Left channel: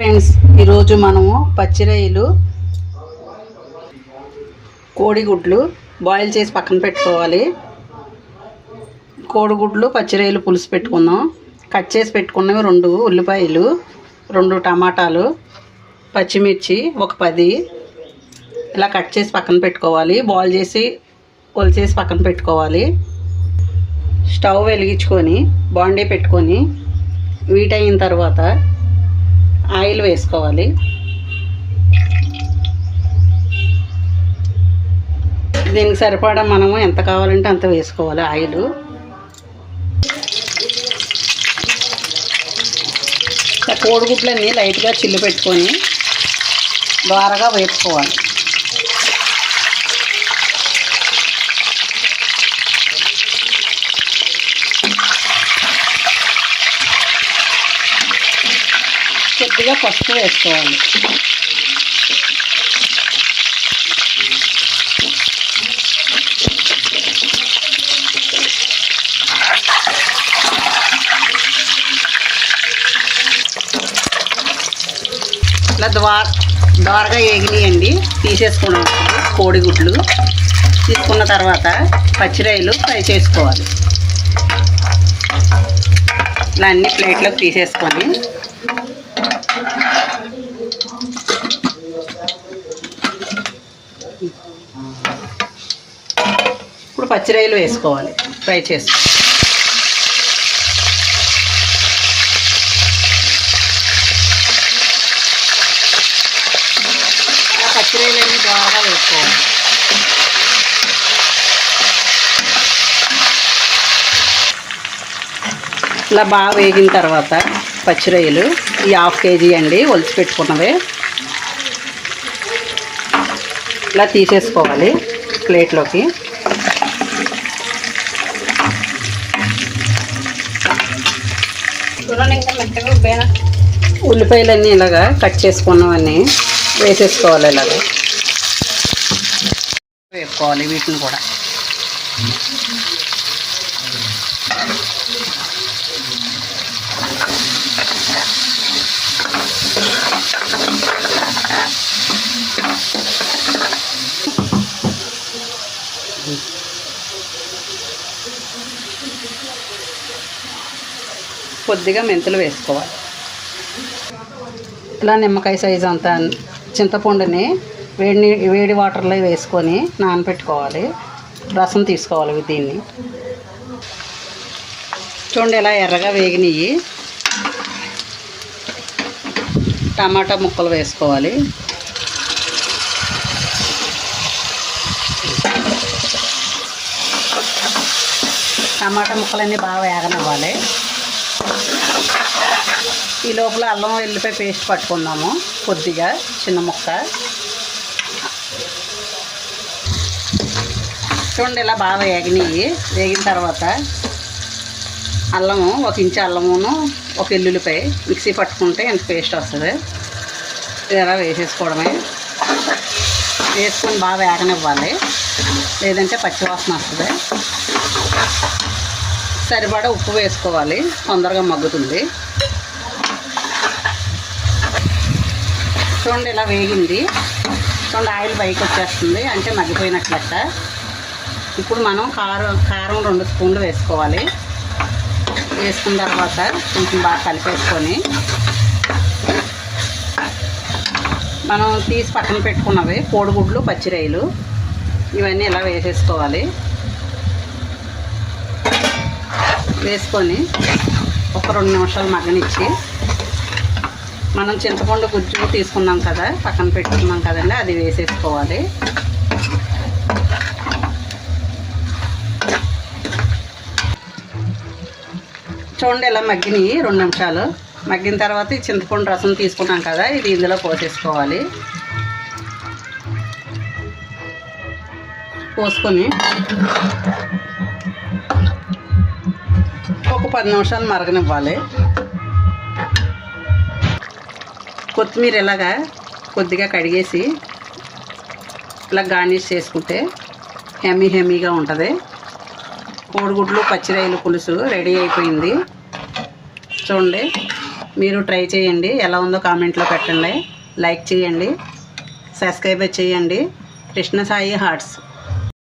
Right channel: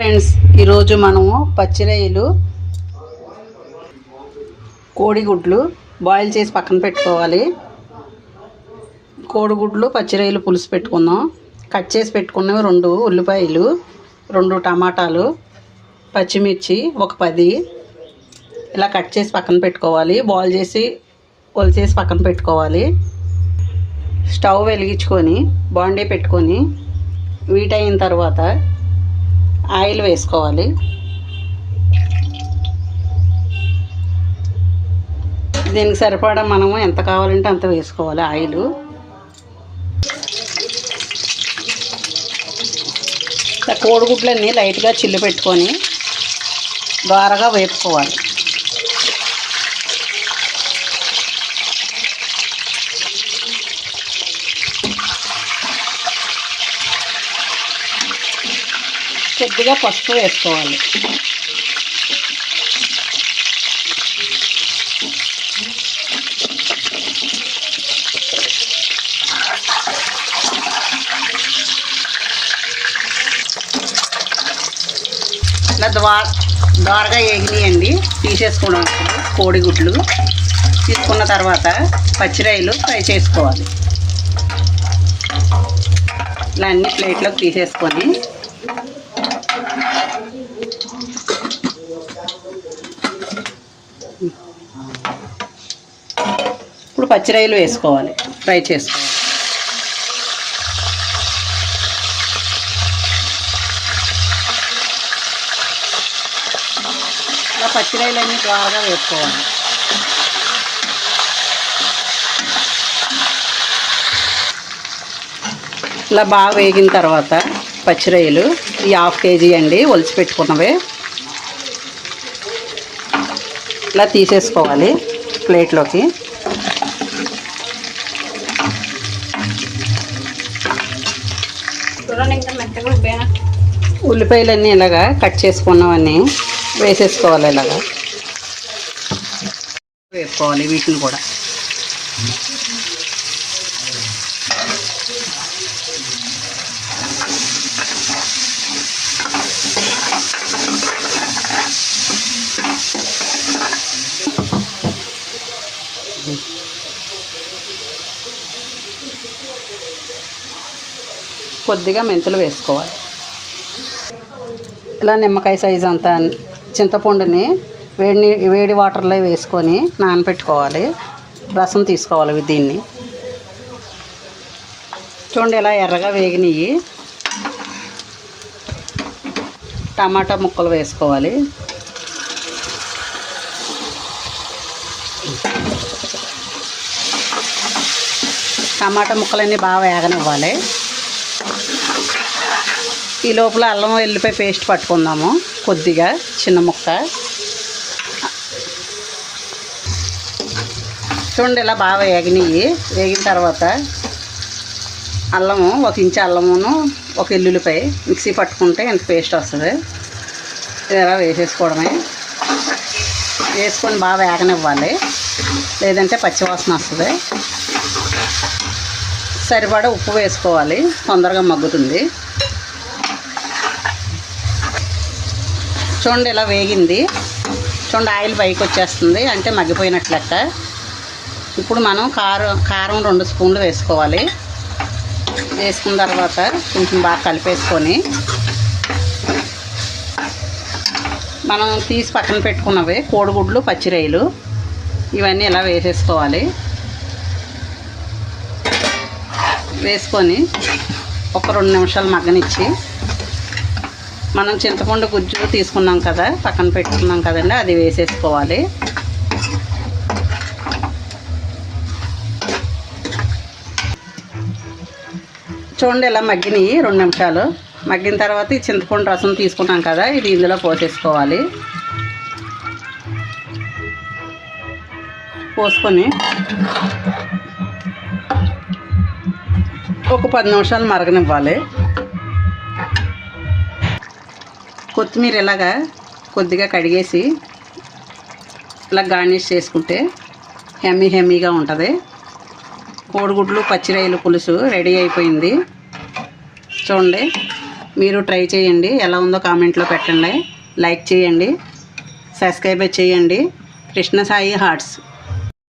Friends ఈరోజు మనము పచ్చిరొయ్యలు కోడిగుడ్లు బాయిల్ చేసి పక్కన పెట్టుకోవాలి. కోడిగుడ్లు పచ్చిరొయ్యలు పులుసు పెట్టుకుందాం. కట్ చేసి పెట్టుకున్నవి రెండు ఉల్లిపాయలు రెండు టమాటాలు పచ్చిమిర్చి ఒక పది. ఇలా కట్ చేసి పక్కన పెట్టుకోవాలి. బాయిల్ చేసి ఒలిచేసి పక్కన పెట్టుకోవాలి. స్టవ్ వెలిగించుకొని బాండీ పెట్టుకొని వీట్ అయిన తర్వాత ఆయిల్ వేసుకోవాలి. దీనికి సరిపడా మనము ఎంత కావాలంటే అంత వేసుకోవాలి ఆయిల్. కోడిగుడ్లన్నీ లైట్గా చిల్లు పెట్టుకొని బారగా వేపుకోవాలి. కొద్దిగా పసుపు వేసుకోవాలి. ఇలా ద్వార ద్వారగా ఏగినాయండి. తీసేసుకున్నాం. కోడిగుడ్లు. తీసుకున్న తర్వాత పచ్చిరాయలు ఫ్రై చేసుకోవాలి. ఇలా అన్ని ప్లేట్లోకి తీసేసుకొని పచ్చి పచ్చిరాయలు వేసుకోవాలి. ఫ్రై చేసుకోవాలి. ఇలా పచ్చిరాయలన్నీ బాగా వేసుకోవాలి. ఇలా బాగా వేగిన తర్వాత పచ్చిరొయ్యలు ఈ హాఫ్ కేజీ అండి ఒలిచి పెట్టుకున్నవే. ఇలా తీసేసుకోవాలి ప్లేట్లోకి. ఉల్లిపాయలన్నీ ఇలాగా కట్ చేసుకున్నవన్నీ వేసేసుకోవాలి ఇలాగా. వేసుకోవాలి వీటిని కూడా. కొద్దిగా మెంతులు వేసుకోవాలి. ఇలా నిమ్మకాయ సైజు అంత చింతపండుని వేడి నీ- వేడి వాటర్లో వేసుకొని నానబెట్టుకోవాలి రసం తీసుకోవాలి దీన్ని. చూడండి ఇలా ఎర్రగా వేగినవి టమాటా ముక్కలు వేసుకోవాలి. టమాటా ముక్కలన్నీ బాగా వేగనివ్వాలి. ఈ లోపల అల్లం ఎల్లిపాయ పేస్ట్ పట్టుకుందాము కొద్దిగా చిన్న ముక్క. చూడండి ఇలా బాగా వేగినాయి. వేగిన తర్వాత అల్లము ఒక ఇంచు అల్లమును ఒక ఎల్లుల్లిపాయ మిక్సీ పట్టుకుంటే ఎంత పేస్ట్ వస్తుంది. ఇది ఎలా వేసేసుకోవడమే. వేసుకొని బాగా వేగనివ్వాలి. లేదంటే పచ్చివాసన వస్తుంది. సరిపడా ఉప్పు వేసుకోవాలి. తొందరగా మగ్గుతుంది. చూడండి ఇలా వేగింది. చూడండి ఆయిల్ పైకి వచ్చేస్తుంది. అంటే మగ్గిపోయినట్లు ఇప్పుడు మనం కారం కారం రెండు స్పూన్లు వేసుకోవాలి. వేసుకున్న తర్వాత కొంచెం బాగా కలిపేసుకొని మనం తీసి పక్కన పెట్టుకున్నవి కోడిగుడ్లు పచ్చిరొయ్యలు ఇవన్నీ ఇలా వేసేసుకోవాలి. వేసుకొని ఒక రెండు నిమిషాలు మగ్గనిచ్చి మనం చింతపండు గుజ్జు తీసుకున్నాం కదా పక్కన పెట్టుకున్నాం కదండి అది వేసేసుకోవాలి. చూడండి ఇలా మగ్గినాయి రెండు నిమిషాలు. మగ్గిన తర్వాత ఈ చింతపండు రసం తీసుకున్నాం కదా ఇది ఇందులో పోసేసుకోవాలి. పోసుకొని ఒక పది నిమిషాలు మరగనివ్వాలి. కొత్తిమీర ఇలాగా కొద్దిగా కడిగేసి ఇలా గార్నిష్ చేసుకుంటే హెమీ హెమీగా ఉంటుంది. కోడిగుడ్లు పచ్చిరాయలు పులుసు రెడీ అయిపోయింది. చూడండి మీరు ట్రై చేయండి. ఎలా ఉందో కామెంట్లో పెట్టండి. లైక్ చేయండి. సబ్స్క్రైబ్ చేయండి. కృష్ణ సాయి హార్ట్స్.